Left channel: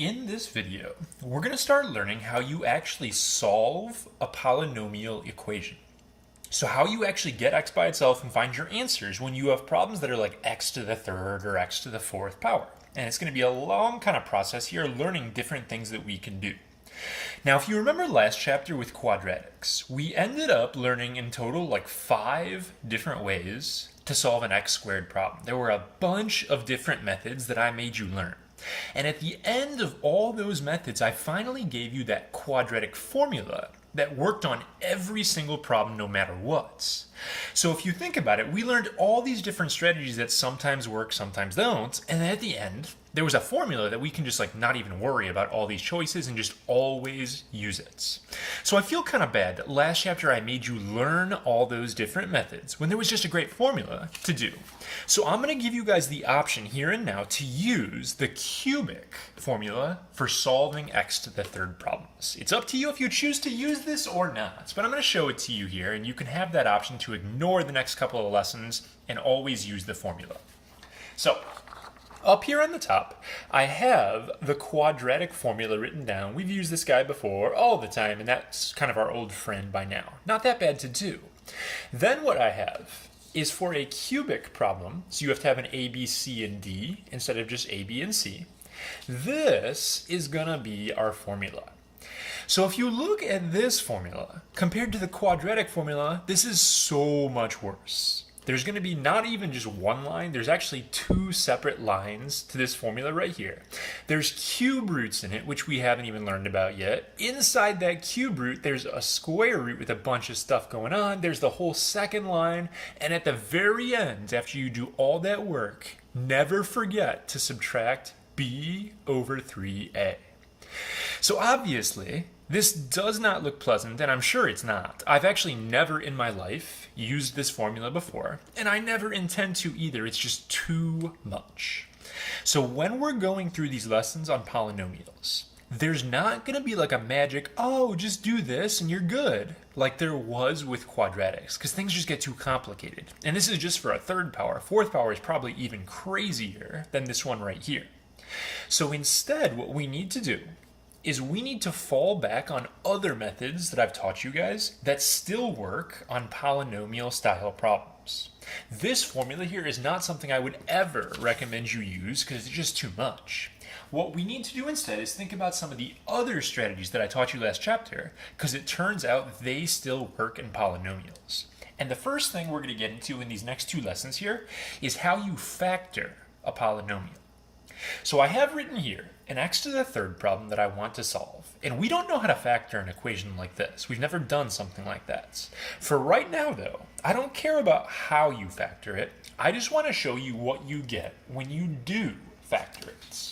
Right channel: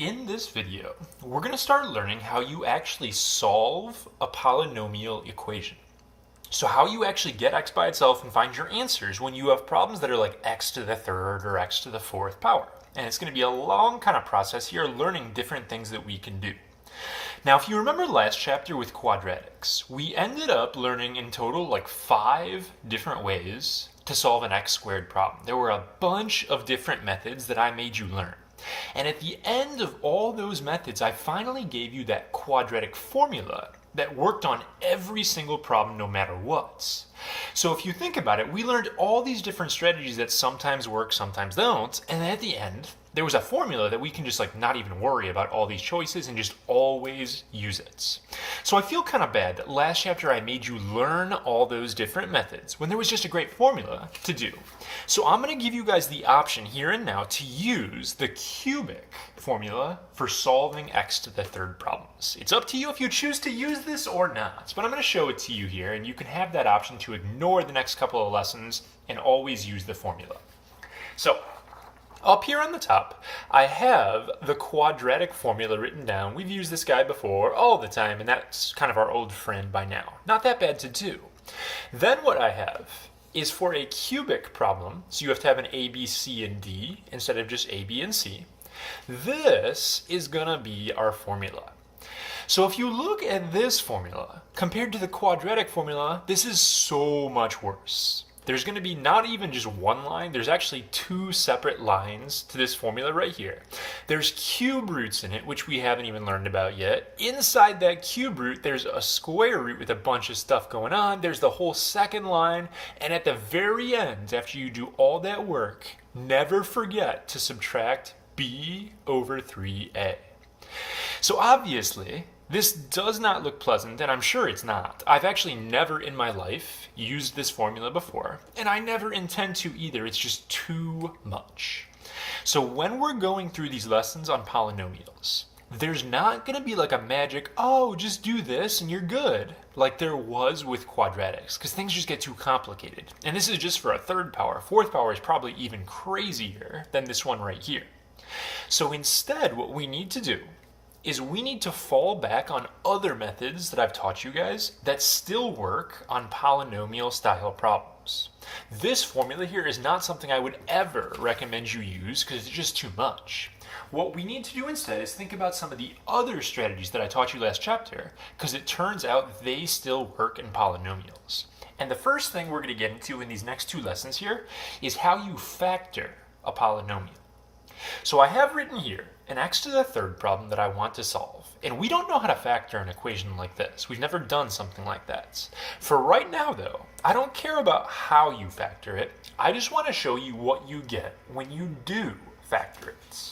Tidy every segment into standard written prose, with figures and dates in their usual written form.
In this video, we're going to start learning how you actually solve a polynomial equation. So how you actually get x by itself and find your answers when you have problems that are like x to the third or x to the fourth power. And it's going to be a long kind of process here, learning different things that we can do. Now, if you remember last chapter with quadratics, we ended up learning in total like 5 different ways to solve an x squared problem. There were a bunch of different methods that I made you learn. And at the end of all those methods, I finally gave you that quadratic formula that worked on every single problem no matter what. So if you think about it, we learned all these different strategies that sometimes work, sometimes don't, and at the end, there was a formula that we can just like not even worry about all these choices and just always use it. So I feel kind of bad that last chapter I made you learn all those different methods when there was just a great formula to do. So I'm going to give you guys the option here and now to use the cubic formula for solving x to the third problems. It's up to you if you choose to use this or not, but I'm going to show it to you here, and you can have that option to ignore the next couple of lessons and always use the formula. So up here on the top, I have the quadratic formula written down. We've used this guy before all the time, and that's kind of our old friend by now. Not that bad to do. Then what I have is for a cubic problem, so you have to have an A, B, C, and D instead of just A, B, and C. This is going to be our formula. So if you look at this formula, compared to the quadratic formula, this is so much worse. There's going to be not even just one line, there's actually 2 separate lines to this formula right here. There's cube roots in it, which we haven't even learned about yet. Inside that cube root, there's a square root with a bunch of stuff going on. There's the whole second line. And at the very end, after you do all that work, never forget to subtract b over 3a. So obviously, this does not look pleasant, and I'm sure it's not. I've actually never in my life used this formula before, and I never intend to either. It's just too much. So when we're going through these lessons on polynomials, there's not going to be like a magic, oh, just do this and you're good, like there was with quadratics, because things just get too complicated. And this is just for a third power. Fourth power is probably even crazier than this one right here. So instead, what we need to do is we need to fall back on other methods that I've taught you guys that still work on polynomial style problems. This formula here is not something I would ever recommend you use because it's just too much. What we need to do instead is think about some of the other strategies that I taught you last chapter, because it turns out they still work in polynomials. And the first thing we're going to get into in these next 2 lessons here is how you factor a polynomial. So I have written here an x to the third problem that I want to solve. And we don't know how to factor an equation like this. We've never done something like that. For right now, though, I don't care about how you factor it. I just want to show you what you get when you do factor it.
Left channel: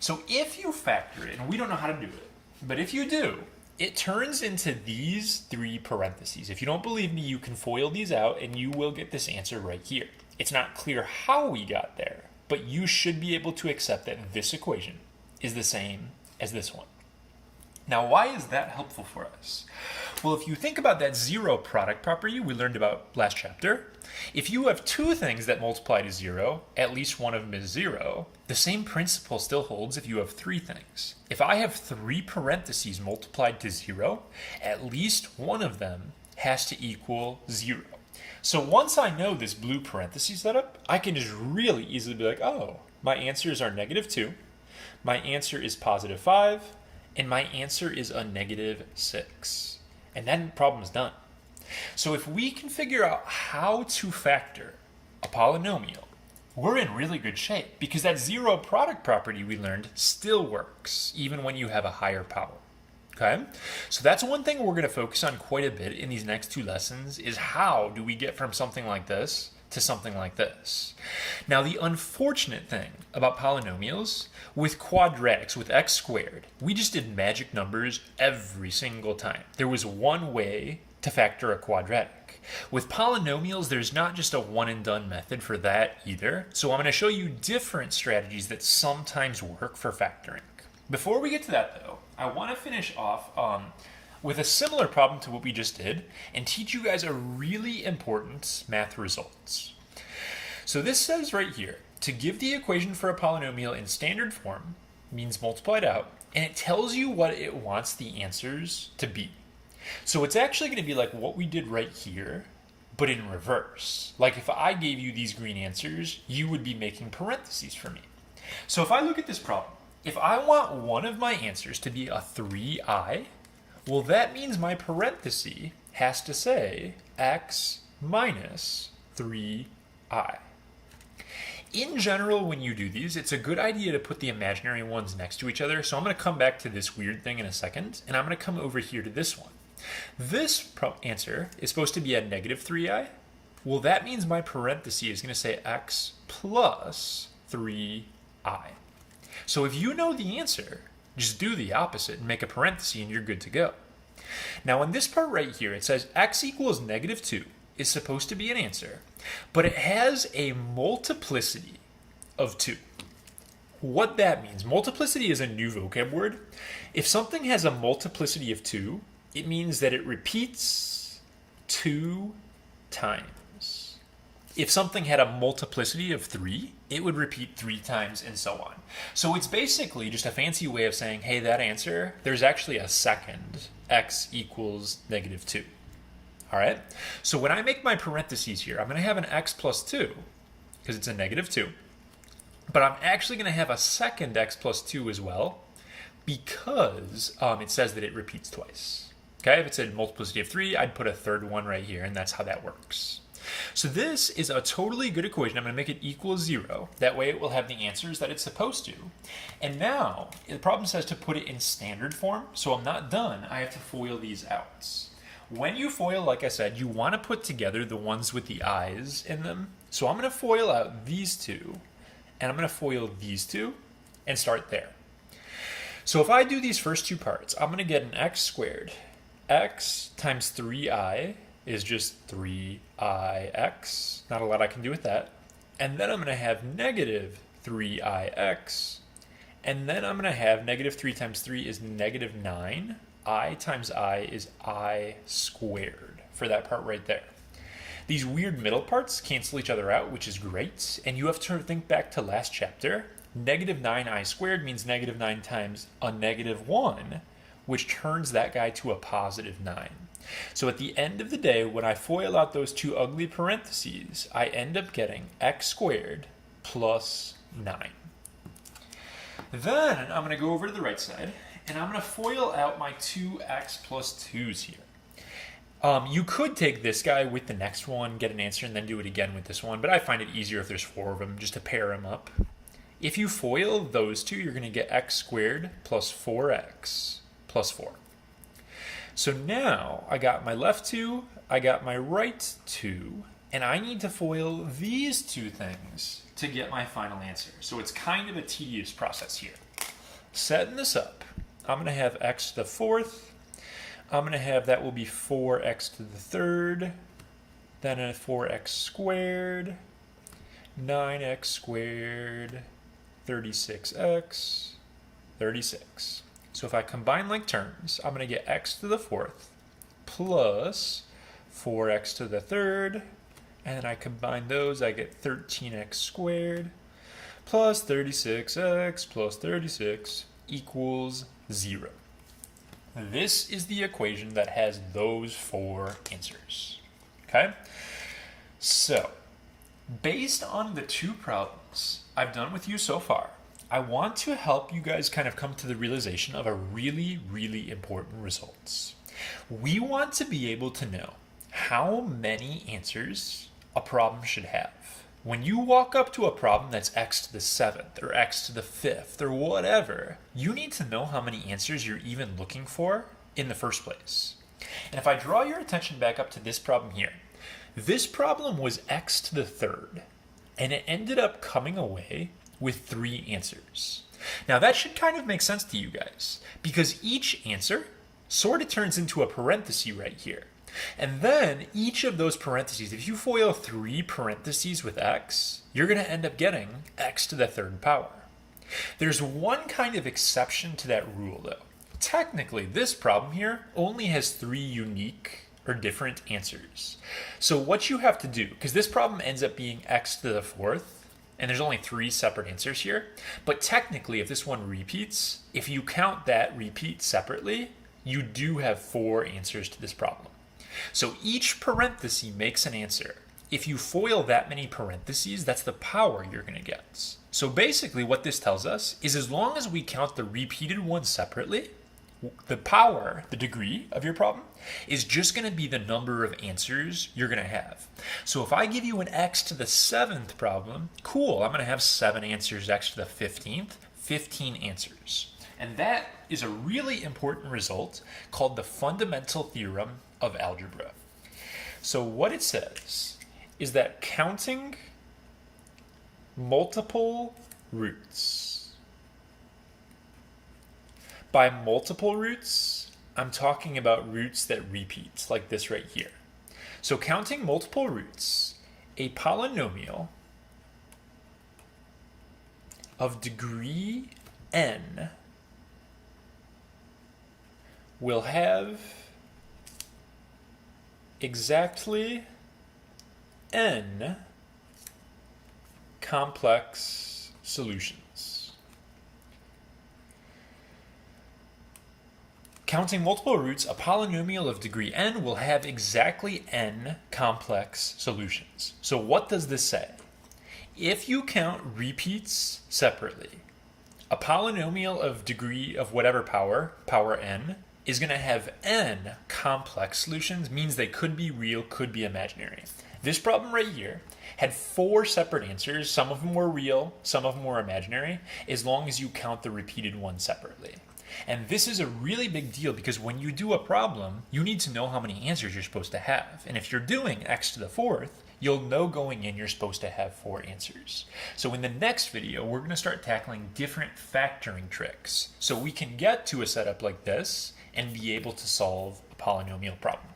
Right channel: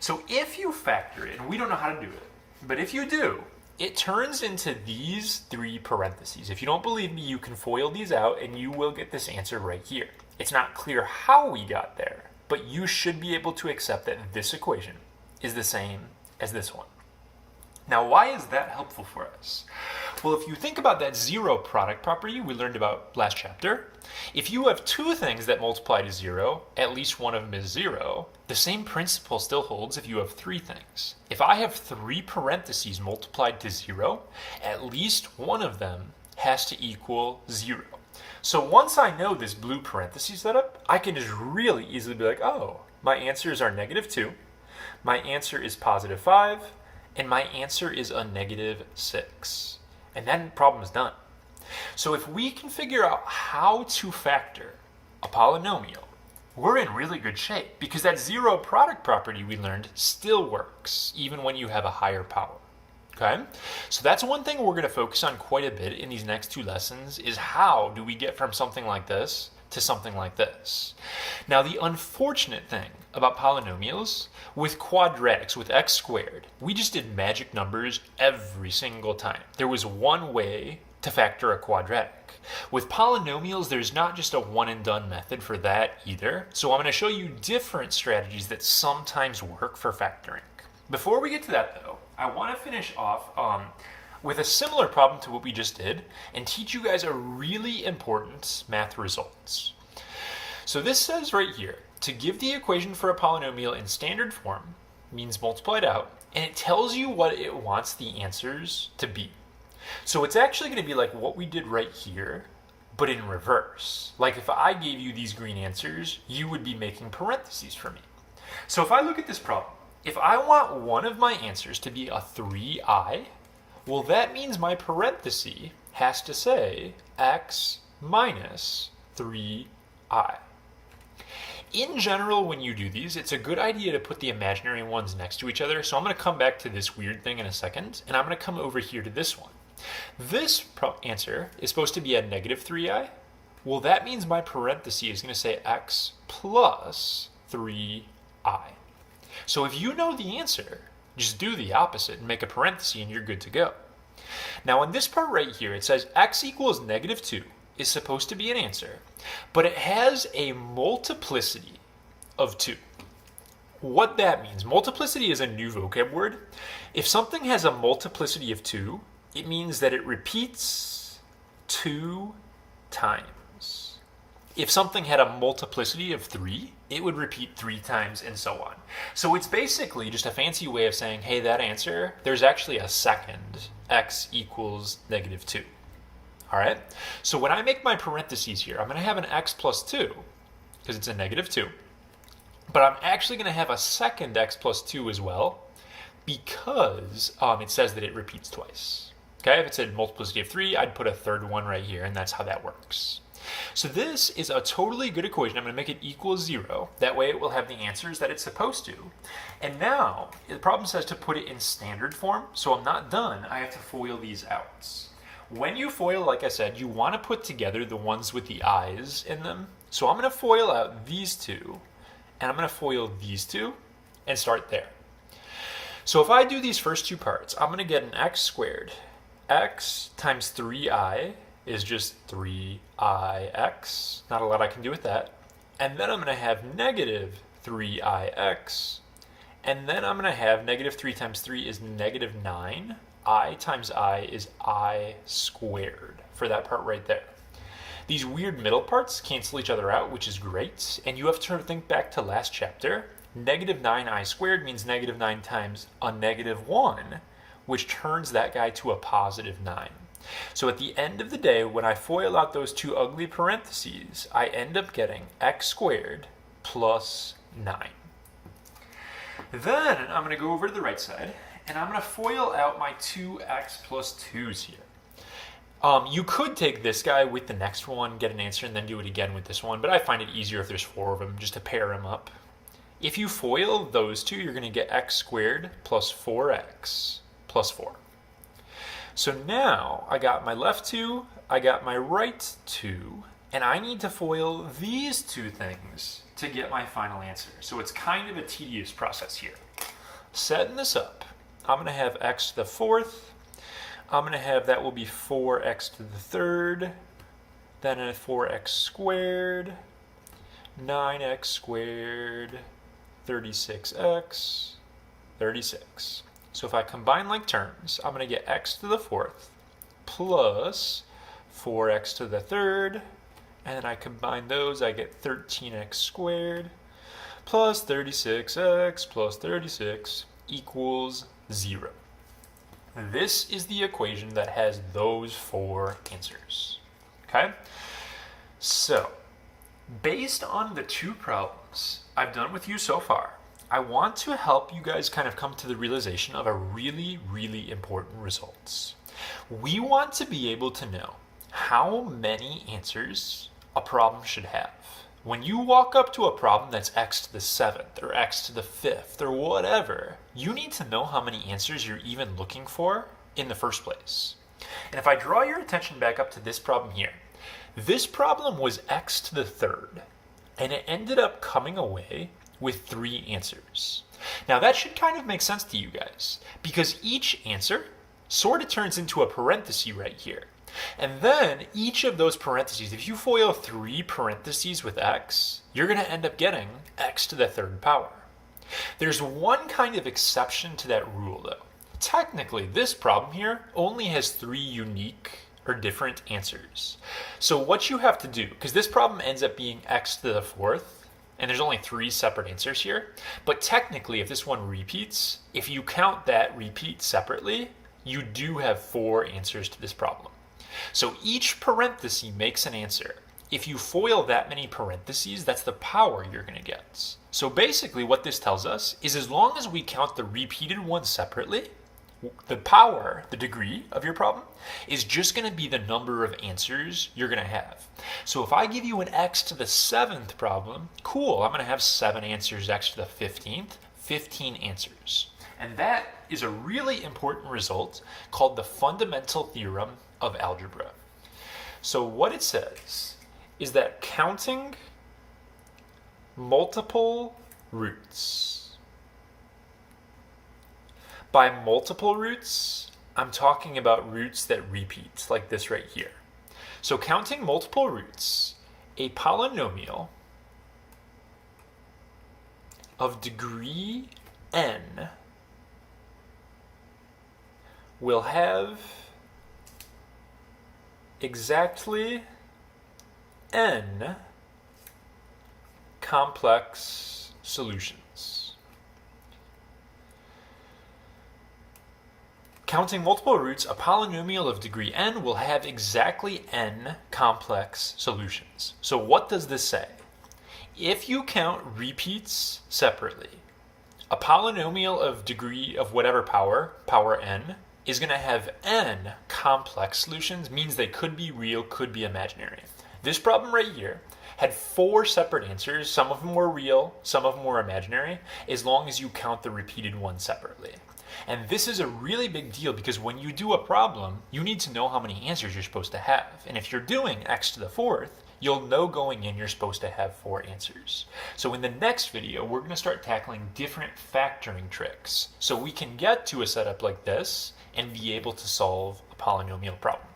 So if you factor it, and we don't know how to do it, but if you do, it turns into these 3 parentheses. If you don't believe me, you can FOIL these out and you will get this answer right here. It's not clear how we got there, but you should be able to accept that this equation is the same as this one. Now, why is that helpful for us? Well, if you think about that zero product property we learned about last chapter, if you have 2 things that multiply to 0, at least one of them is 0, the same principle still holds if you have 3 things. If I have 3 parentheses multiplied to 0, at least one of them has to equal 0. So once I know this blue parentheses setup, I can just really easily be like, oh, my answers are -2, my answer is +5, and my answer is a -6. And then the problem is done. So if we can figure out how to factor a polynomial, we're in really good shape, because that zero product property we learned still works, even when you have a higher power. Okay, so that's one thing we're going to focus on quite a bit in these next 2 lessons, is how do we get from something like this to something like this. Now, the unfortunate thing about polynomials, with quadratics, with x squared, we just did magic numbers every single time. There was one way to factor a quadratic. With polynomials, there's not just a one and done method for that either. So I'm going to show you different strategies that sometimes work for factoring. Before we get to that though, I want to finish off with a similar problem to what we just did and teach you guys a really important math results. So this says right here, to give the equation for a polynomial in standard form, means multiplied out, and it tells you what it wants the answers to be. So it's actually going to be like what we did right here, but in reverse. Like if I gave you these green answers, you would be making parentheses for me. So if I look at this problem, if I want one of my answers to be a 3i, well, that means my parenthesis has to say x minus 3i. In general, when you do these, it's a good idea to put the imaginary ones next to each other. So I'm going to come back to this weird thing in a second, and I'm going to come over here to this one. This answer is supposed to be a negative 3i. Well, that means my parenthesis is going to say x plus 3i. So if you know the answer, just do the opposite and make a parenthesis and you're good to go. Now in this part right here, it says x equals negative 2 is supposed to be an answer, but it has a multiplicity of 2. What that means, multiplicity is a new vocab word. If something has a multiplicity of 2, it means that it repeats 2 times. If something had a multiplicity of 3, it would repeat 3 times and so on. So it's basically just a fancy way of saying, hey, that answer, there's actually a second, x equals negative 2. All right, so when I make my parentheses here, I'm going to have an x plus 2, because it's a negative 2. But I'm actually going to have a second x plus 2 as well, because it says that it repeats twice. Okay, if it said multiplicity of 3, I'd put a third one right here, and that's how that works. So this is a totally good equation. I'm going to make it equal 0. That way it will have the answers that it's supposed to. And now, the problem says to put it in standard form, so I'm not done. I have to FOIL these out. When you FOIL, like I said, you want to put together the ones with the i's in them. So I'm going to FOIL out these two, and I'm going to FOIL these two, and start there. So if I do these first two parts, I'm going to get an x squared. X times 3i is just 3ix. Not a lot I can do with that. And then I'm going to have negative 3ix. And then I'm going to have negative 3 times 3 is negative 9. I times I is I squared for that part right there. These weird middle parts cancel each other out, which is great. And you have to think back to last chapter. Negative 9i squared means negative 9 times a negative 1, which turns that guy to a positive 9. So at the end of the day, when I FOIL out those two ugly parentheses, I end up getting x squared plus 9. Then I'm going to go over to the right side, and I'm going to FOIL out my 2x plus 2's here. You could take this guy with the next one, get an answer, and then do it again with this one, but I find it easier if there's 4 of them, just to pair them up. If you FOIL those two, you're going to get x squared plus 4x plus 4. So now I got my left 2, I got my right 2, and I need to FOIL these two things to get my final answer. So it's kind of a tedious process here. Setting this up, I'm going to have x to the 4th. I'm going to have that will be 4x to the 3rd. Then a 4x squared. 9x squared. 36x. 36. So if I combine like terms, I'm going to get x to the 4th plus 4x to the 3rd. And then I combine those, I get 13x squared plus 36x plus 36 equals 0. This is the equation that has those 4 answers. Okay? So, based on the 2 problems I've done with you so far, I want to help you guys kind of come to the realization of a really, really important results. We want to be able to know how many answers a problem should have. When you walk up to a problem that's x to the 7th or x to the 5th or whatever, you need to know how many answers you're even looking for in the first place. And if I draw your attention back up to this problem here, this problem was x to the 3rd, and it ended up coming away with 3 answers. Now that should kind of make sense to you guys, because each answer sort of turns into a parenthesis right here. And then each of those parentheses, if you FOIL 3 parentheses with x, you're going to end up getting x to the 3rd power. There's one kind of exception to that rule though. Technically, this problem here only has 3 unique or different answers. So what you have to do, because this problem ends up being x to the 4th and there's only 3 separate answers here. But technically, if this one repeats, if you count that repeat separately, you do have 4 answers to this problem. So each parenthesis makes an answer. If you FOIL that many parentheses, that's the power you're going to get. So basically what this tells us is as long as we count the repeated ones separately, the power, the degree of your problem, is just going to be the number of answers you're going to have. So if I give you an x to the 7th problem, cool, I'm going to have 7 answers, x to the 15th, 15 answers. And that is a really important result called the Fundamental Theorem of Algebra. So what it says is that counting multiple roots. By multiple roots, I'm talking about roots that repeat, like this right here. So counting multiple roots, a polynomial of degree n will have exactly n complex solutions. Counting multiple roots, a polynomial of degree n will have exactly n complex solutions. So what does this say? If you count repeats separately, a polynomial of degree of whatever power n, is going to have n complex solutions, means they could be real, could be imaginary. This problem right here had 4 separate answers. Some of them were real, some of them were imaginary, as long as you count the repeated ones separately. And this is a really big deal because when you do a problem, you need to know how many answers you're supposed to have. And if you're doing x to the 4th, you'll know going in you're supposed to have 4 answers. So in the next video, we're going to start tackling different factoring tricks so we can get to a setup like this and be able to solve a polynomial problem.